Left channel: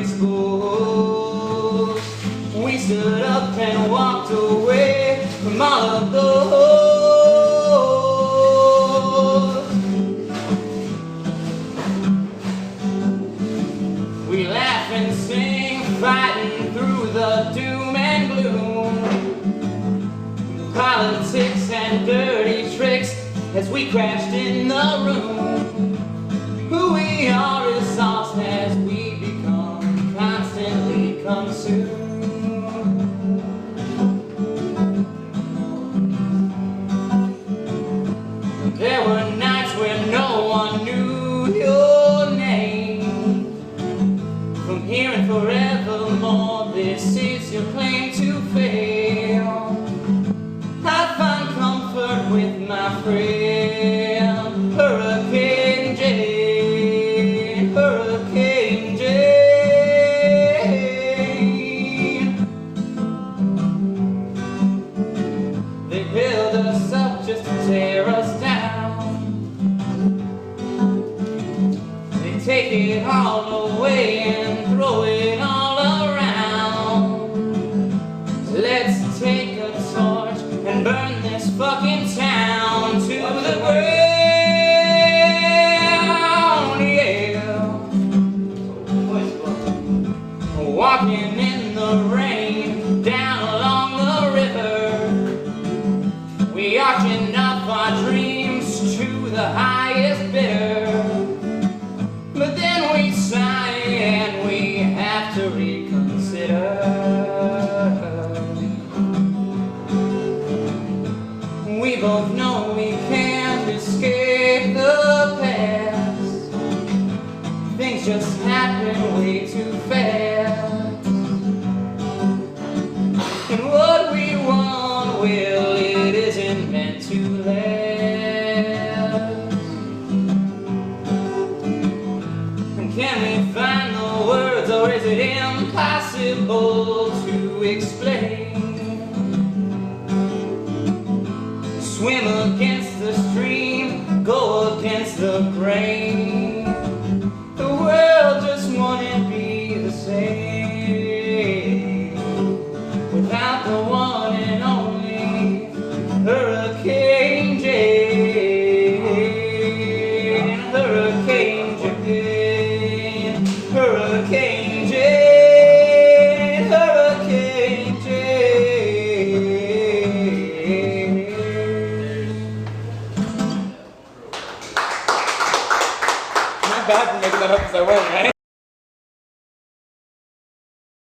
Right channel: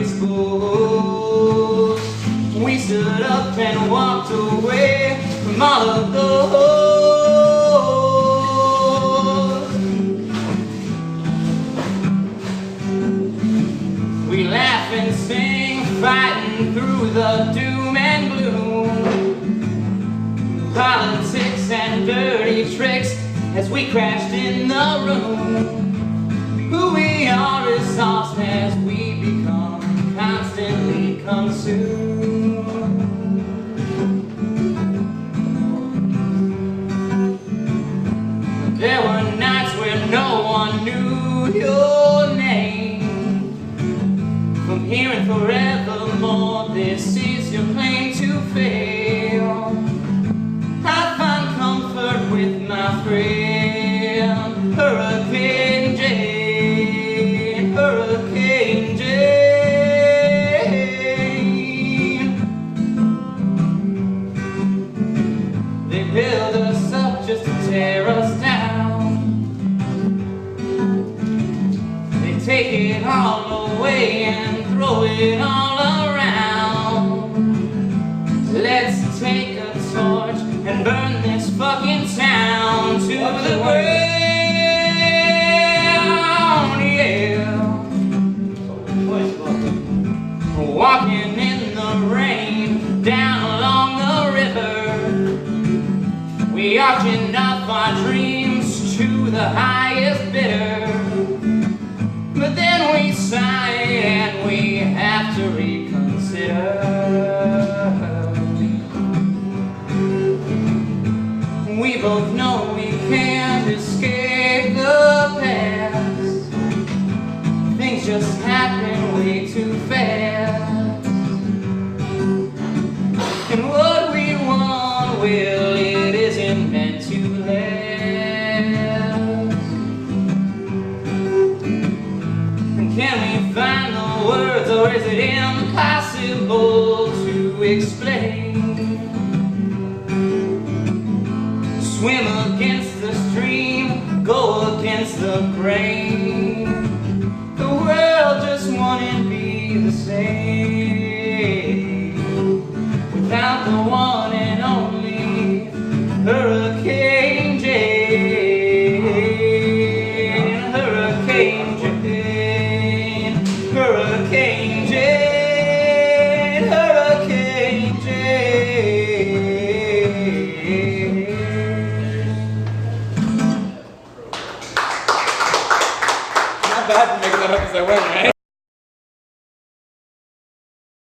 exposed. We stood up and walked away from all of those. We laugh and sing, fighting through the doom and gloom, politics and dirty tricks as we crashed in the room. Who we are is lost as we become constantly consumed. There were nights where no one knew your name. From here and forevermore, this is your claim to fame. I find comfort with my friend Hurricane Jane, Hurricane Jane. They build us up just to tear us down. They take it all away and throw it all around. Let's take a torch and burn this fucking town to the ground, yeah. Walking in the rain down along the river, we arching up our dreams to the highest bidder. But then we sigh and we have to reconsider. We both know we can't escape the past. Things just happen way too fast. And what we want, well, it isn't meant to last. Can we find the words, or is it impossible to explain? Swim against the stream, go against the grain. The world just wouldn't be the same.